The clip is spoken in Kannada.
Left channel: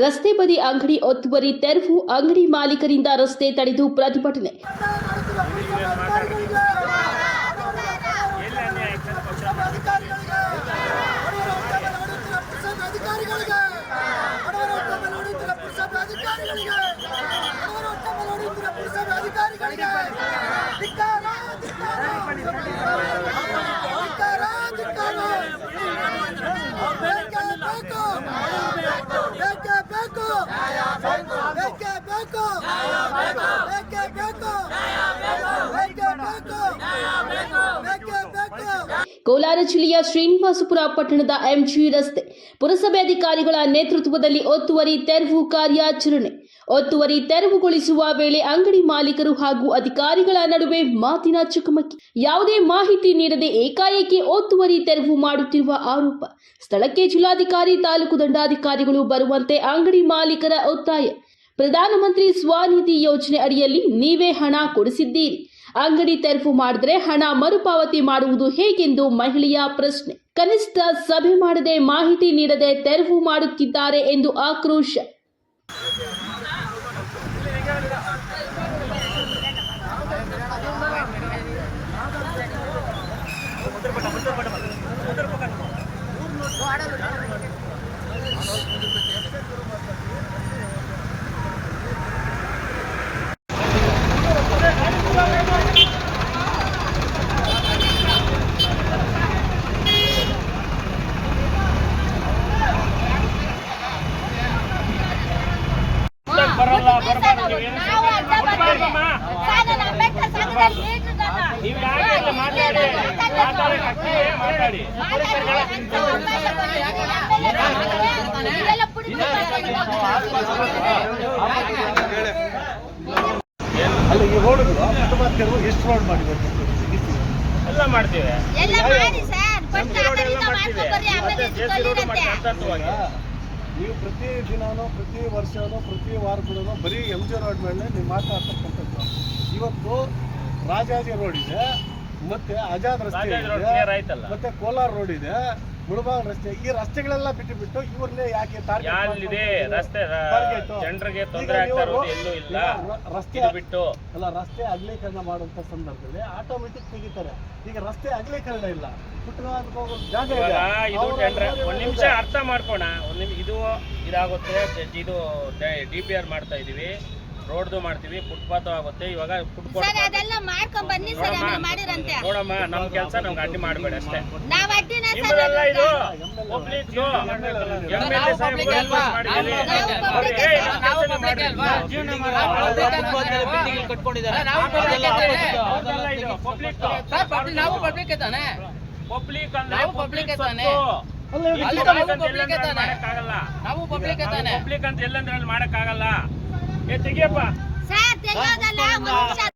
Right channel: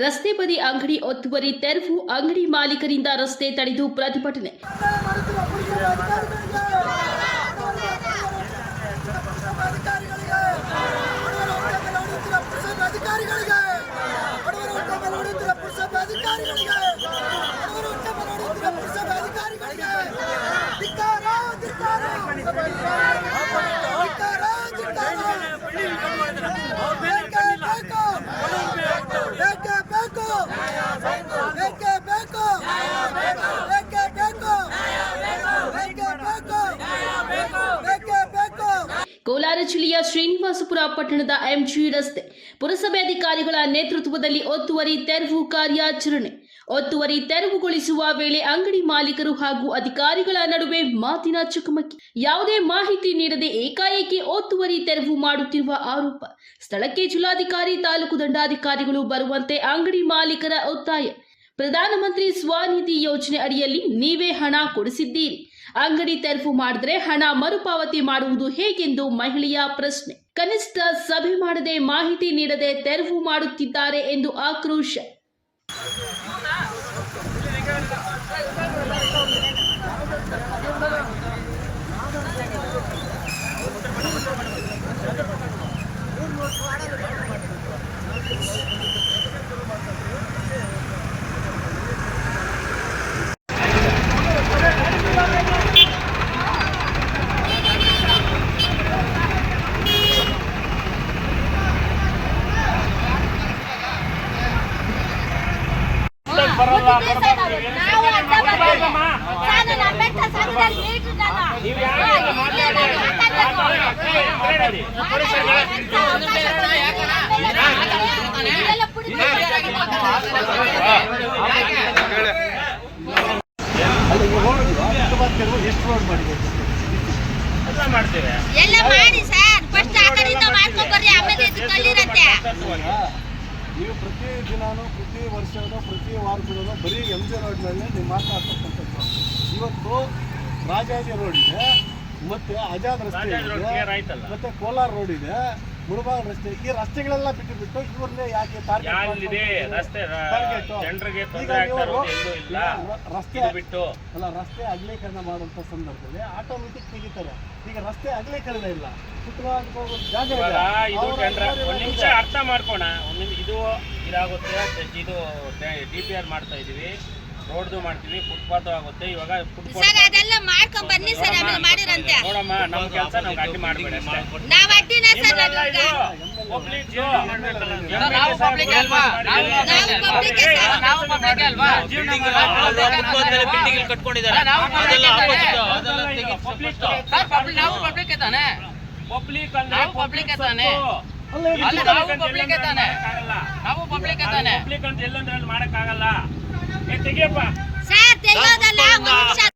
ರಸ್ತೆ ಬದಿ ಅಂಗಡಿ ಒತ್ತುವರಿ ತೆರವು ಅಂಗಡಿ ಮಾಲೀಕರಿಂದ ರಸ್ತೆ ತಡೆದು ಪ್ರತಿಭಟನೆ. ಅಧಿಕಾರಿಗಳಿಗೆ ಅಧಿಕಾರಿಗಳಿಗೆ ಕೋಲಾರ ಜಿಲ್ಲೆಯ ಶ್ರೀನಿವಾಸಪುರ ಪಟ್ಟಣದ ಎಂಜಿ ರಸ್ತೆ. ಪುರಸಭೆ ಅಧಿಕಾರಿಗಳ ನೇತೃತ್ವದಲ್ಲಿ ಒತ್ತುವರಿ ತೆರವು ಕಾರ್ಯಾಚರಣೆ. ಒತ್ತುವರಿ ತೆರವುಗೊಳಿಸುವ ವೇಳೆ ಅಂಗಡಿ ಮಾಲೀಕರು ಹಾಗೂ ಅಧಿಕಾರಿಗಳ ನಡುವೆ ಮಾತಿನ ಚಕಮಕಿ. ಯಾವುದೇ ಮಾಹಿತಿ ನೀಡದೆ ಏಕಾಏಕಿ ಒತ್ತುವರಿ ತೆರವು ಮಾಡುತ್ತಿರುವ ಆರೋಪ. ಸ್ಥಳಕ್ಕೆ ಜಿಲ್ಲಾಧಿಕಾರಿ, ತಾಲೂಕು ದಂಡಾಧಿಕಾರಿಗಳು ಬರುವಂತೆ ಅಂಗಡಿ ಮಾಲೀಕರ ಒತ್ತಾಯ. ಪ್ರಧಾನಮಂತ್ರಿ ಸ್ವಾನಿಧಿ ಯೋಜನೆ ಅಡಿಯಲ್ಲಿ ನೀವೇ ಹಣ ಕೊಡಿಸಿದ್ದೀರಿ. ಅಂಗಡಿ ತೆರವು ಮಾಡಿದ್ರೆ ಹಣ ಮರುಪಾವತಿ ಮಾಡುವುದು ಹೇಗೆಂದು ಮಹಿಳೆಯ ಪ್ರಶ್ನೆ. ಕನಿಷ್ಠ ಸಭೆ ಮಾಡದೆ ಮಾಹಿತಿ ನೀಡದೆ ತೆರವು ಮಾಡುತ್ತಿದ್ದಾರೆ ಎಂದು ಆಕ್ರೋಶ. ಅಲ್ಲ ಈ ರೋಡ್ಗಳು ತೆರವು ಎಷ್ಟು ರೋಡ್ ಮಾಡಿಬೇಕು ಎಲ್ಲ ಮಾಡ್ತೇವೆ ಎಲ್ಲ ಮಾಡಿ ಸರ್ ಫಸ್ಟ್ ಆ ಕಡೆಯಿಂದ ಮಾಡ್ಕೊಂಡ್ ಬರ್ರಿ ಆಮೇಲೆ ಇದು ತಳ್ಳಿರಂತೆ ನೀವು ಪ್ರತಿ ದಿನಾನು ಪ್ರತಿ ವರ್ಷವೂ ಪ್ರತಿ ವಾರ ಕೂಡ ಬರೀ ಎಂ ಜಿ ರೋಡ್ ಮೇಲೆ ನೀವು ಮಾತಾಡ್ತಕ್ಕಂಥದ್ದು. ಇವತ್ತು ರಾಜಾಜಿ ರೋಡ್ ಇದೆ ಮತ್ತೆ ಆಜಾದ್ ರಸ್ತೆ ಇದೆ ಮತ್ತೆ ಕೋಲಾರ ರೋಡ್ ಇದೆ. ಮುಳಬಾಗ್ ರಸ್ತೆ. ಈ ರಸ್ತೆಗಳೆಲ್ಲ ಬಿಟ್ಟು ಬಿಟ್ಟು ಇವ್ರನ್ನೇ ಯಾಕೆ ರಸ್ತೆ? ಜನರಿಗೆ ತೊಂದರೆ ನೀವು ಆಗ್ತಾ ಇರೋದು ಎಲ್ಲೂ ಇಲ್ಲ. ರಸ್ತೆ ಬಿಟ್ಟು. ಅಲ್ಲ ರಸ್ತೆ ಅಗಲೀಕರಣ ಮಾಡುವಂತ ಸಂದರ್ಭದಲ್ಲಿ ಆಟೋಮೆಟಿಕ್ ತೆಗಿತಾರೆ. ಈಗ ರಸ್ತೆ ಅಗಲೀಕರಣ ಇಲ್ಲ. ಹೋಗೋ ಜಾಗ ಜನರ ನಿಮಿಷ ಅರ್ಥ ಮಾಡ್ಕೋಣ. ಒಂದ್ ನಿಮಿಷ ಇದು ಇದಾಗುತ್ತೆ. ಇದು ಡಿ ಪಿ ಆರ್ ಮಾಡ್ತಾ ಇದೀವಿ. ರೋಡ್ದು ಮಾಡ್ತೀವಿ ಫುಟ್ಪಾತ್ ಆಗುತ್ತೆ. ಇವಾಗ ಸರ್ ಅದೆಲ್ಲ ಮಾಡ್ಕೊಂಡ್ ಬನ್ನಿ ಸರ್ ಆಮೇಲೆ ಮಾಡಿರಂತೆ. ನೋಡಮ್ಮ ನಮ್ ಕೆಲಸ ನಮ್ಗೆ ಅಡ್ಡಿ ಮಾಡಬೇಡಿ ಅಷ್ಟೇ. ನಾವ್ ಅಡ್ಡಿನ ಸರ್? ನಾವು. ಬಿಲ್ಡಿಂಗ್ ಕಟ್ಕೊಂಡಿದ್ದಾರೆ. ಅದೆಲ್ಲ ಆಪೋಸಿಟ್ ಅದೆಲ್ಲ ಇದು ಪಬ್ಲಿಕ್ ನಾವು ಪಬ್ಲಿಕ್ ತಾನೆ ಪಬ್ಲಿಕ್ ಅಂದ್ರೆ ನಾವು ಪಬ್ಲಿಕ್ ತಾನೆ. ಅಂತ ಎಲ್ಲಂದ್ರೆ ಅಲ್ಲಿ ತಾನೆ. ಮಾಡಕ್ಕಾಗಲ್ಲ. Eh, sige pa. Sir, tingnan na lang. Siya